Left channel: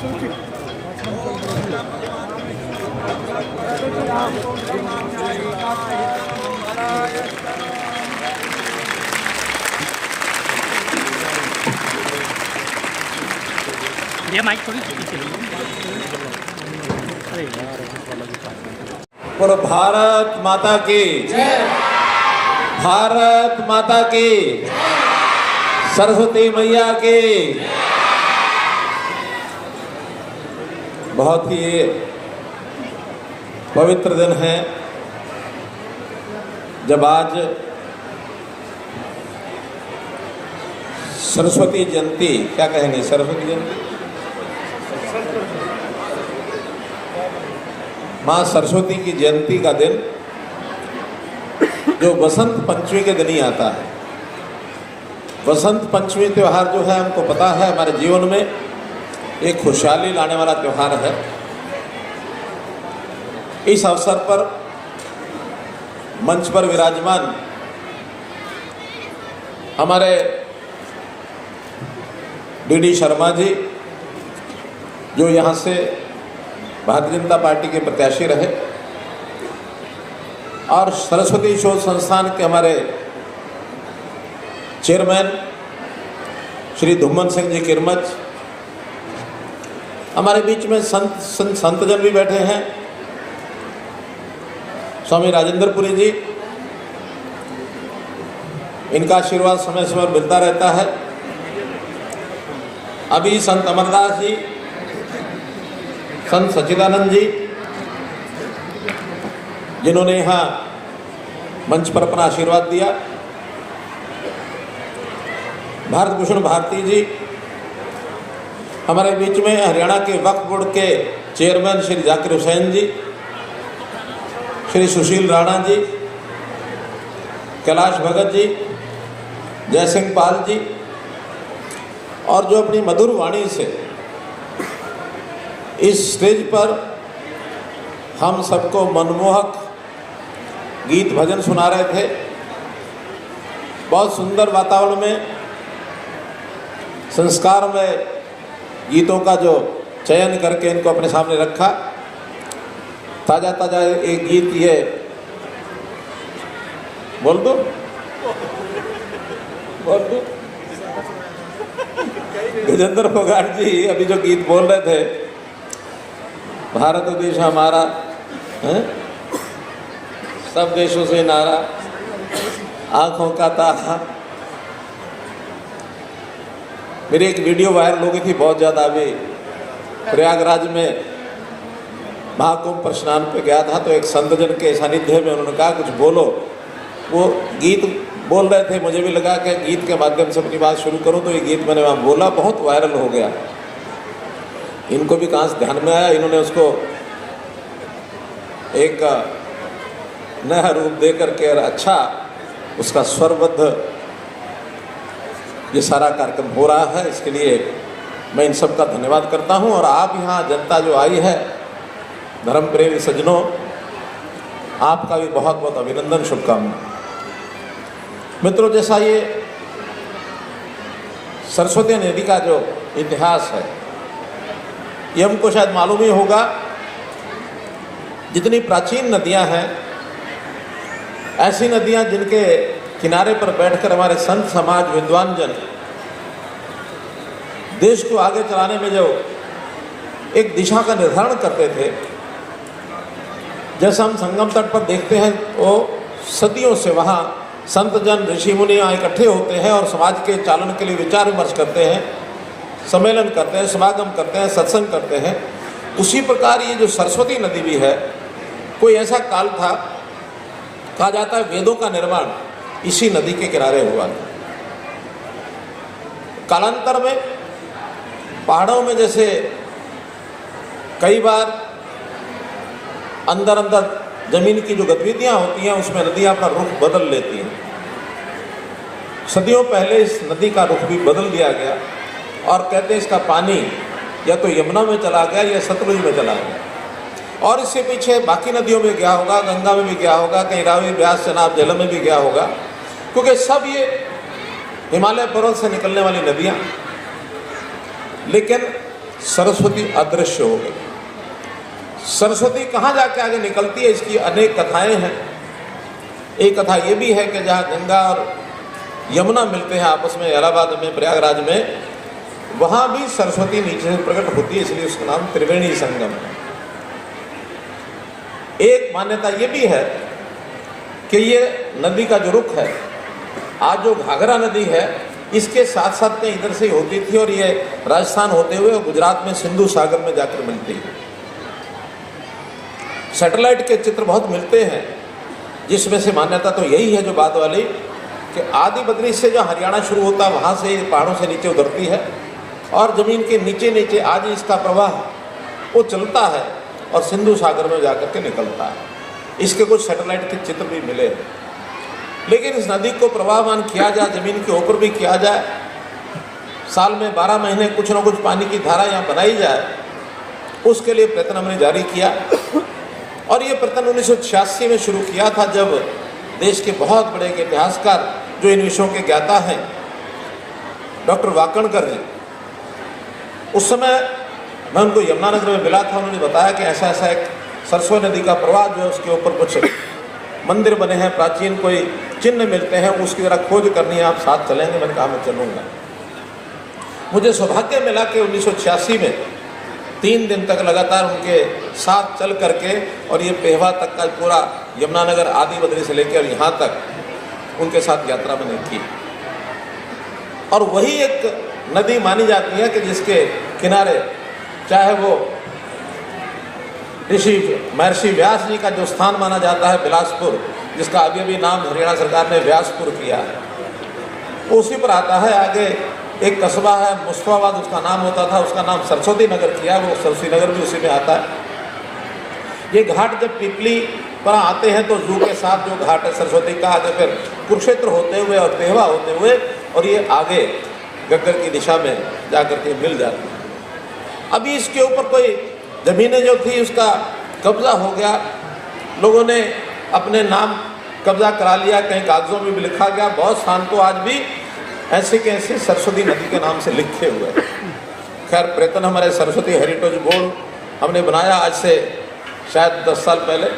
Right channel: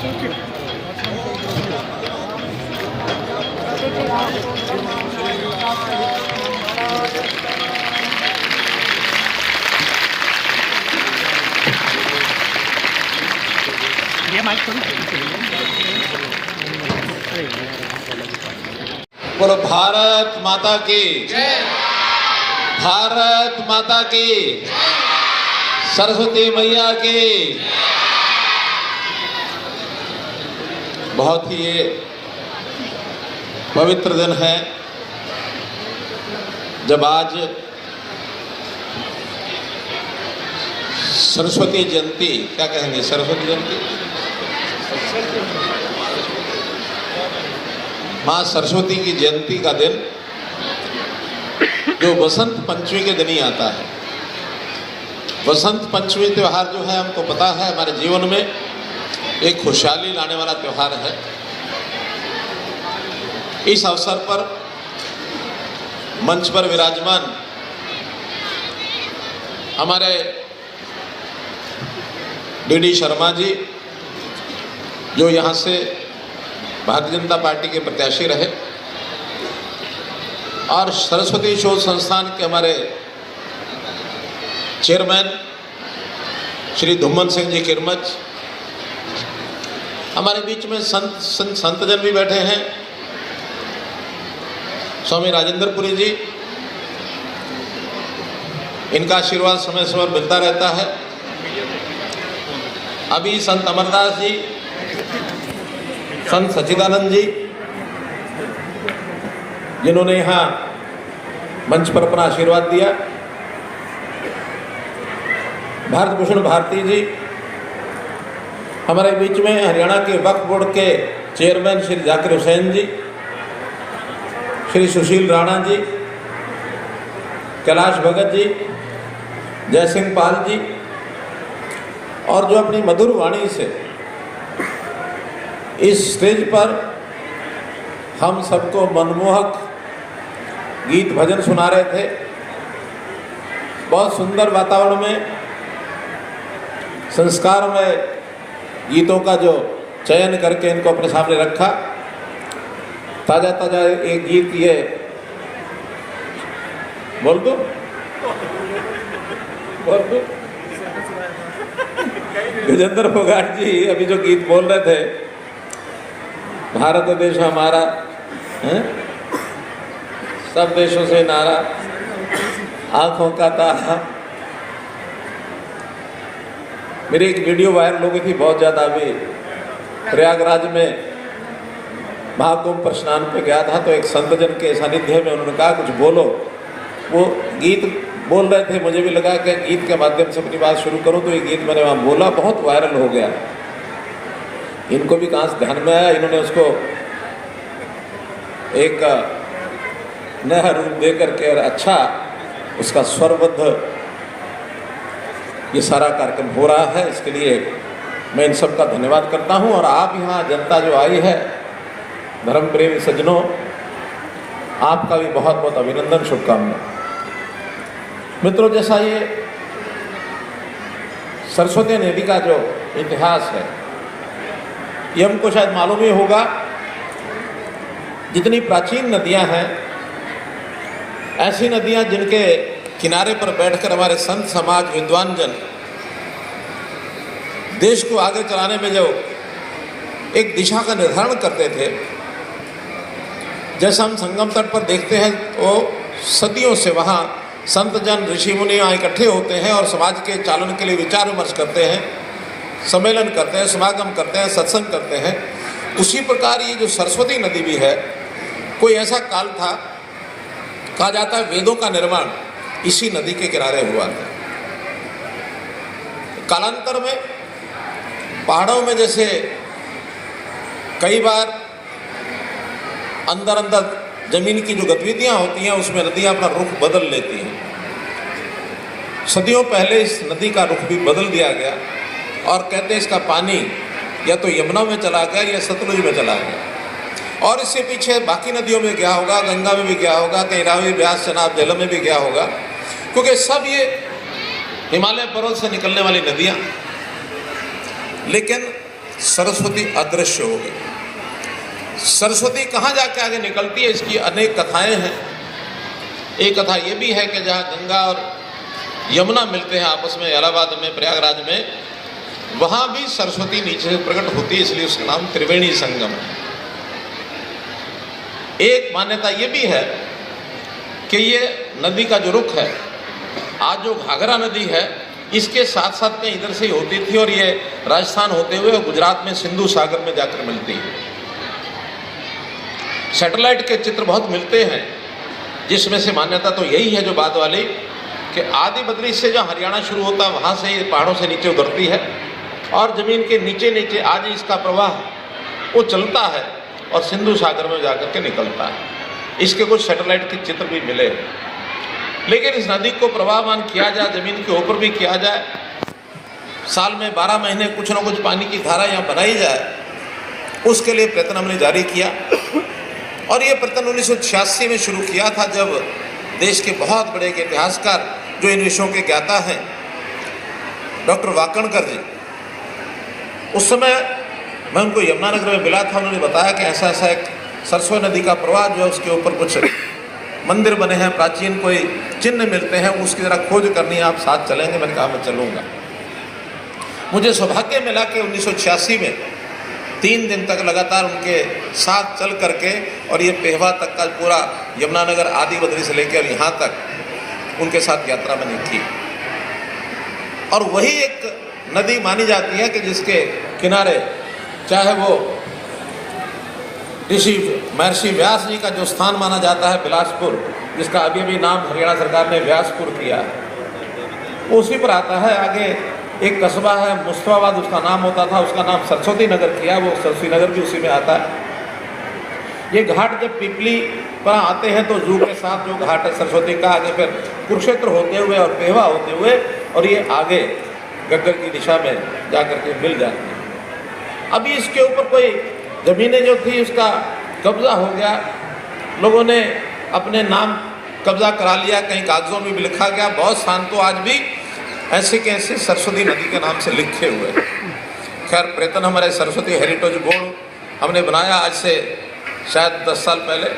ये माइक थोड़ी बोलो भारत माता की जय। भारत माता की सरस्वती मैया की। बहुत ही पवित्र दिन है जब आज सरस्वती जयंती, क्या कहेंगे, सरस्वती जयंती, माँ सरस्वती की जयंती का दिन जो वसंत पंचमी के दिन ही आता है। वसंत पंचमी त्यौहार जो है हमको पता है हमारे जीवन में एक खुशहाली लाने वाला त्यौहार है। इस अवसर पर मंच पर विराजमान हमारे डी शर्मा जी, जो यहाँ से भारतीय जनता पार्टी के प्रत्याशी रहे, और सरस्वती शोध संस्थान के हमारे चेयरमैन श्री धुम्मन सिंह जी किरमच, हमारे बीच में संतजन भी बैठे हैं, स्वामी राजेंद्रपुरी जी, इनका आशीर्वाद समय समय मिलता रहता है। अभी संत अमरदास जी, संत सच्चिदानंद जी, जिन्होंने यहाँ मंच पर अपना आशीर्वाद दिया, भारत भूषण भारती जी, हमारे बीच में हरियाणा के वक्फ बोर्ड के चेयरमैन श्री जाकिर हुसैन जी, श्री सुशील राणा जी, कैलाश भगत जी, जय सिंह पाल जी, और जो अपनी मधुर वाणी से इस स्टेज पर हम सबको मनमोहक गीत भजन सुना रहे थे। बहुत सुंदर वातावरण में संस्कार में गीतों का जो चयन करके इनको अपने सामने रखा। ताजा ताजा एक गीत ये बोल दो गजेंद्र फोगाट जी अभी जो गीत बोल रहे थे, भारत देश हमारा है? सब देशों से नारा, आंखों का तारा। मेरी एक वीडियो वायरल हो गई थी बहुत ज्यादा। अभी प्रयागराज में महाकुंभ पर स्नान पे गया था, तो एक संतजन के सानिध्य में उन्होंने कहा कुछ बोलो। वो गीत बोल रहे थे, मुझे भी लगा कि गीत के माध्यम से अपनी बात शुरू करूं, तो ये गीत मैंने वहाँ बोला, बहुत वायरल हो गया। इनको भी कहाँ से ध्यान में आया, इन्होंने उसको एक नया रूप दे करके और अच्छा उसका स्वरबद्ध ये सारा कार्यक्रम हो रहा है। इसके लिए मैं इन सब का धन्यवाद करता हूं। और आप यहाँ जनता जो आई है, धर्म प्रेमी सज्जनों, आपका भी बहुत बहुत अभिनंदन, शुभकामनाएं। मित्रों, जैसा ये सरस्वती नदी का जो इतिहास है, ये हमको शायद मालूम ही होगा। जितनी प्राचीन नदियां हैं, ऐसी नदियां जिनके किनारे पर बैठकर हमारे संत समाज, विद्वान जन देश को आगे चलाने में जो एक दिशा का निर्धारण करते थे, जैसा हम संगम तट पर देखते हैं, तो सदियों से वहाँ संत जन, ऋषि मुनि यहाँ इकट्ठे होते हैं और समाज के चालन के लिए विचार विमर्श करते हैं, सम्मेलन करते हैं, समागम करते हैं, सत्संग करते हैं। उसी प्रकार ये जो सरस्वती नदी भी है, कोई ऐसा काल था, कहा जाता है वेदों का निर्माण इसी नदी के किनारे हुआ था। कालांतर में पहाड़ों में जैसे कई बार अंदर अंदर जमीन की जो गतिविधियां होती हैं, उसमें नदियां अपना रुख बदल लेती हैं। सदियों पहले इस नदी का रुख भी बदल दिया गया और कहते हैं इसका पानी या तो यमुना में चला गया या सतलुज में चला गया। और इससे पीछे बाकी नदियों में गया होगा, गंगा में भी गया होगा, कहीं रावी, ब्यास, चनाब, झेलम में भी गया होगा, क्योंकि सब ये हिमालय पर्वत से निकलने वाली नदियाँ। लेकिन सरस्वती अदृश्य हो गई। सरस्वती कहाँ जाके आगे निकलती है, इसकी अनेक कथाएं हैं। एक कथा ये भी है कि जहाँ गंगा और यमुना मिलते हैं आपस में इलाहाबाद में, प्रयागराज में, वहाँ भी सरस्वती नीचे से प्रकट होती है, इसलिए उसका नाम त्रिवेणी संगम है। एक मान्यता ये भी है कि ये नदी का जो रुख है, आज जो घाघरा नदी है, इसके साथ साथ में इधर से ही होती थी और ये राजस्थान होते हुए गुजरात में सिंधु सागर में जाकर मिलती है। सैटेलाइट के चित्र बहुत मिलते हैं, जिसमें से मान्यता तो यही है जो बाद वाली, कि आदि बद्री से जो हरियाणा शुरू होता है वहाँ से ये पहाड़ों से नीचे उतरती है और ज़मीन के नीचे नीचे आज इसका प्रवाह वो चलता है और सिंधु सागर में जाकर के निकलता है। इसके कुछ सैटेलाइट के चित्र भी मिले। लेकिन इस नदी को प्रवाहमान किया जाए, ज़मीन के ऊपर भी किया जाए, साल में 12 महीने कुछ ना कुछ पानी की धारा यहाँ बनाई जाए, उसके लिए प्रयत्न हमने जारी किया। और ये प्रयत्न 1986 में शुरू किया था, जब देश के बहुत बड़े इतिहासकार जो इन विषयों के ज्ञाता हैं, डॉक्टर वाकणकर जी, उस समय मैं उनको यमुनानगर में मिला था। उन्होंने बताया कि ऐसा ऐसा एक सरस्वती नदी का प्रवाह जो है, उसके ऊपर कुछ मंदिर बने हैं, प्राचीन कोई चिन्ह मिलते हैं, उसकी ज़रा खोज करनी है, आप साथ चलेंगे? मैंने कहा मैं चलूँगा। मुझे सौभाग्य मिला कि 1986 में 3 दिन तक लगातार उनके साथ चल करके और ये पेहवा तक का पूरा यमुनानगर आदि बद्री से लेकर यहाँ तक उनके साथ यात्रा मैंने की। और वही एक नदी मानी जाती है कि जिसके किनारे चाहे वो ऋषि महर्षि व्यास जी का जो स्थान माना जाता है बिलासपुर, जिसका अभी भी नाम हरियाणा सरकार ने व्यासपुर किया है, वो उसी पर आता है। आगे एक कस्बा है मुस्तफाबाद, उसका नाम होता था, उसका नाम सरस्वती नगर किया, वो सरस्वती नगर भी उसी में आता है। ये घाट जब पिपली पर आते हैं तो जू के साथ जो घाट है सरस्वती का, आगे फिर कुरुक्षेत्र होते हुए और पेहवा होते हुए और ये आगे गग्गर की दिशा में जाकर के मिल जाती है। अभी इसके ऊपर कोई ज़मीनें जो थी उसका कब्जा हो गया, लोगों ने अपने नाम कब्जा करा लिया, कहीं कागजों में भी लिखा गया। बहुत स्थान तो आज भी ऐसे के ऐसे सरस्वती नदी के नाम से लिखे हुए। खैर प्रयत्न हमारे सरस्वती हेरिटेज बोर्ड हमने बनाया आज से शायद 10 साल पहले,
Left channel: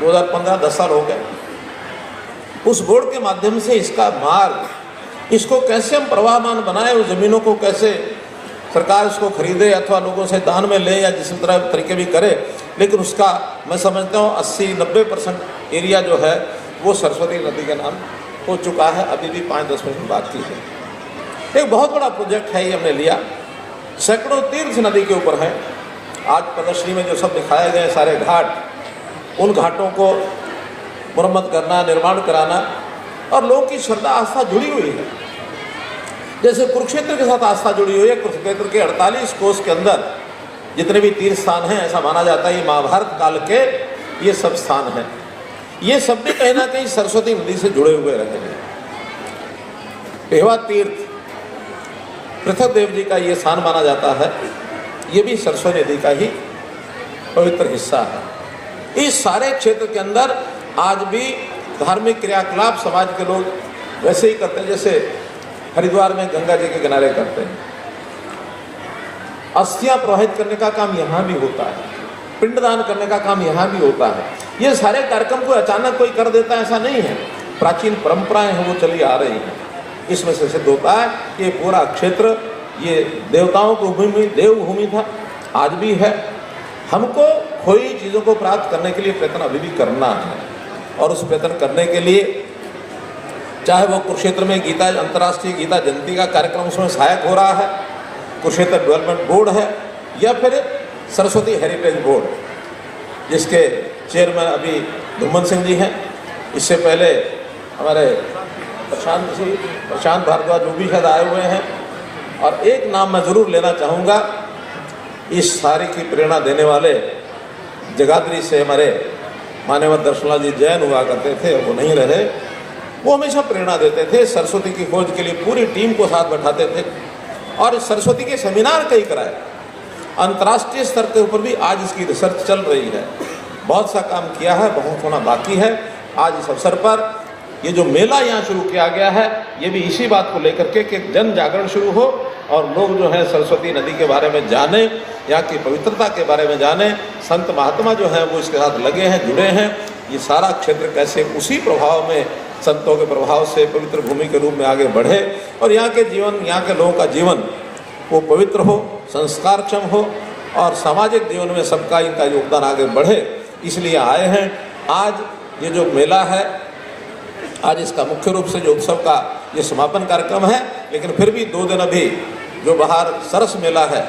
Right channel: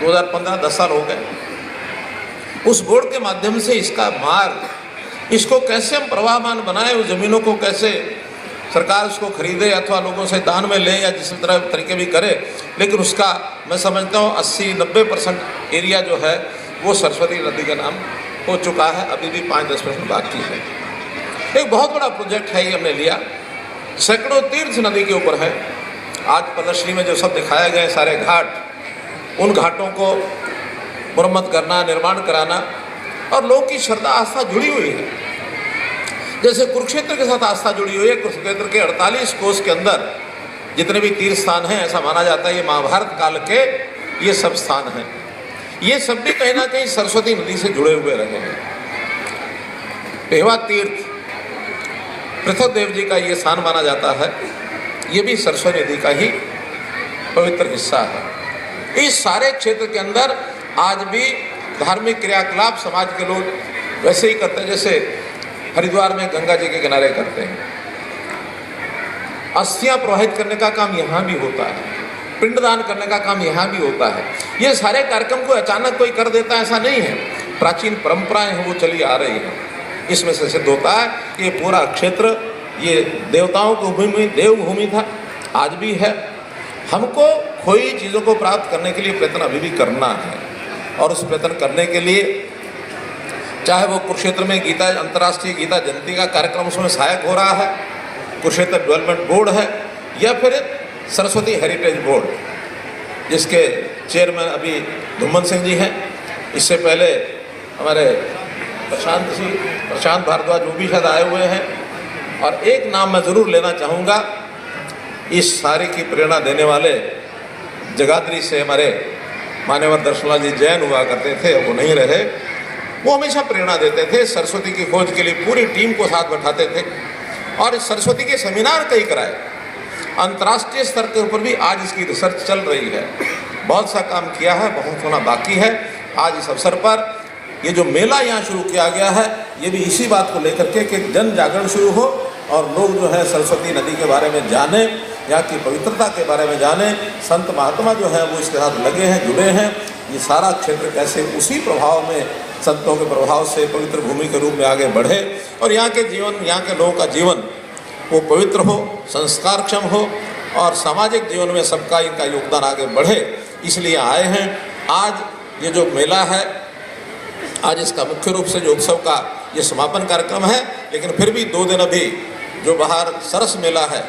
2015 10 साल हो गए। उस बोर्ड के माध्यम से इसका मार्ग, इसको कैसे हम प्रवाहमान बनाए, उस ज़मीनों को कैसे सरकार उसको खरीदे अथवा लोगों से दान में ले या जिस तरह तरीके भी करे, लेकिन उसका मैं समझता हूँ 80-90% एरिया जो है वो सरस्वती नदी का नाम हो चुका है। अभी भी 5-10% बाकी है। एक बहुत बड़ा प्रोजेक्ट है ये हमने लिया, सैकड़ों तीर्थ नदी के ऊपर है। आज प्रदर्शनी में जो सब दिखाए गए सारे घाट, उन घाटों को मुरम्मत करना, निर्माण कराना, और लोगों की श्रद्धा आस्था जुड़ी हुई है। जैसे कुरुक्षेत्र के साथ आस्था जुड़ी हुई है। कुरुक्षेत्र के 48 कोस के अंदर जितने भी तीर्थ स्थान हैं, ऐसा माना जाता है ये महाभारत काल के ये सब स्थान हैं। ये सब भी कहीं ना कहीं सरस्वती नदी से जुड़े हुए रहे हैं। पेहवा तीर्थ पृथ्वीदेव जी का ये स्थान माना जाता है, ये भी सरस्वती नदी का ही पवित्र हिस्सा है। इस सारे क्षेत्र के अंदर आज भी धार्मिक क्रियाकलाप समाज के लोग वैसे ही करते हैं जैसे हरिद्वार में गंगा जी के किनारे करते हैं। अस्थियां प्रवाहित करने का काम यहाँ भी होता है, पिंडदान करने का काम यहाँ भी होता है। ये सारे कार्यक्रम को अचानक कोई कर देता है ऐसा नहीं है, प्राचीन परंपराएं हैं वो चली आ रही हैं। इसमें से सिद्ध होता है कि ये पूरा क्षेत्र ये देवताओं की भूमि, देवभूमि था, आज भी है। हमको खोई चीज़ों को प्राप्त करने के लिए प्रयत्न अभी भी करना है, और उस प्रयत्न करने के लिए चाहे वो कुरुक्षेत्र में गीता अंतर्राष्ट्रीय गीता जयंती का कार्यक्रम उसमें सहायक हो रहा है, कुरुक्षेत्र डेवलपमेंट बोर्ड है, या फिर सरस्वती हेरिटेज बोर्ड जिसके चेयरमैन अभी धुम्मन सिंह जी हैं। इससे पहले हमारे प्रशांत भारद्वाज वो भी शायद आए हुए हैं। और एक नाम मैं ज़रूर लेना चाहूँगा, इस सारे की प्रेरणा देने वाले जगाधरी से हमारे मान्यवर दर्शनलाल जी जैन हुआ करते थे, वो नहीं रहे। वो हमेशा प्रेरणा देते थे, सरस्वती की खोज के लिए पूरी टीम को साथ बैठाते थे और सरस्वती के सेमिनार कई कराए। अंतर्राष्ट्रीय स्तर के ऊपर भी आज इसकी रिसर्च चल रही है। बहुत सा काम किया है, बहुत होना बाकी है। आज इस अवसर पर ये जो मेला यहाँ शुरू किया गया है, ये भी इसी बात को लेकर के कि जन जागरण शुरू हो और लोग जो है सरस्वती नदी के बारे में जाने, यहाँ की पवित्रता के बारे में जाने, संत महात्मा जो हैं वो इसके साथ लगे हैं, जुड़े हैं। ये सारा क्षेत्र कैसे उसी प्रभाव में, संतों के प्रभाव से पवित्र भूमि के रूप में आगे बढ़े और यहाँ के जीवन, यहाँ के लोगों का जीवन वो पवित्र हो, संस्कारक्षम हो और सामाजिक जीवन में सबका इनका योगदान आगे बढ़े, इसलिए आए हैं। आज ये जो मेला है, आज इसका मुख्य रूप से जो उत्सव का ये समापन कार्यक्रम है, लेकिन फिर भी 2 दिन अभी जो बाहर सरस मेला है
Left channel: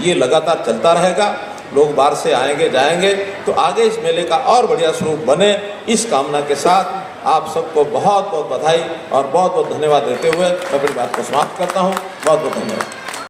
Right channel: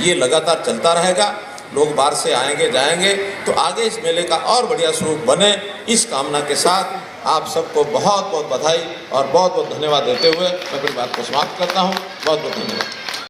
ये लगातार चलता रहेगा। लोग बाहर से आएंगे जाएंगे, तो आगे इस मेले का और बढ़िया स्वरूप बने, इस कामना के साथ आप सबको बहुत बहुत बधाई और बहुत बहुत धन्यवाद देते हुए मैं अपनी बात को समाप्त करता हूँ। बहुत बहुत धन्यवाद।